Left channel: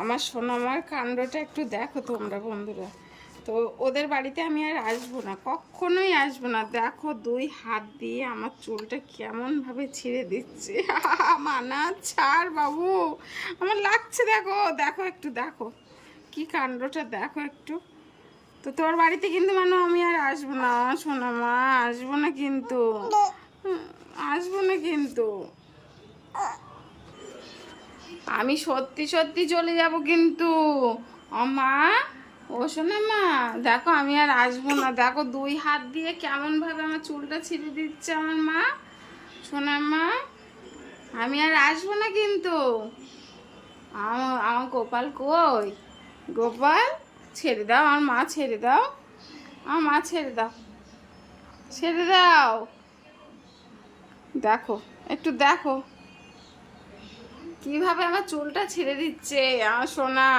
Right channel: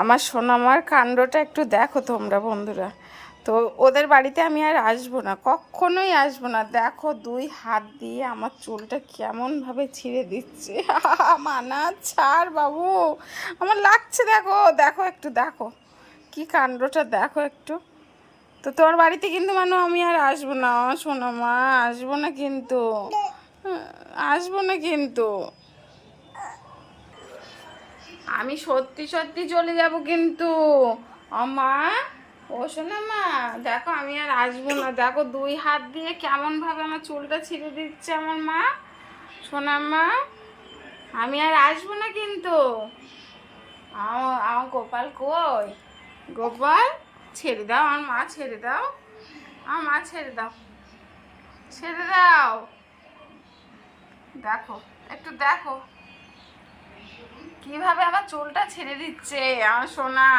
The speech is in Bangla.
আমার সোনামার কাণ্ডটা একটু দেখো তোমরা বন্ধুরা। তো ওদের বাড়িতে আমি আর আসবো না, কখনোই আসবো না। দেখো 2 হাত দিয়ে আমার চুলটা কেমনভাবে ছিঁড়ে দিচ্ছে। মানা ছাড় বাবু, আমার লাগছে। দেখো দেখো একটু দেখো কি কাণ্ডটা দেখো একটু। তো তোর বাড়িতে কিন্তু মানু আমি আর আসবো না সোনামা, আসবো না কিন্তু, আসবো না কিন্তু। আমি সত্যি সত্যি চলে যাব কিন্তু। মা, ও শোনো মা, দেখো আমি আর আসবো না। দেখো 2 হাত দিয়ে কেমন ভাবে আমার চুলটা ছিঁড়ে দিচ্ছে আমার মা। শোনার মা, আমি আর আসবো না কিন্তু। আমার গোপাল কই? গোপাল, ছেড়ে দাও আমার মা, ছেড়ে দাও আমার মা, ছেড়ে দাও, ছেড়ে দাও। দেখো একটু দেখো কিভাবে আমার চুলটা ছেড়ে দিচ্ছে আমার সোনা।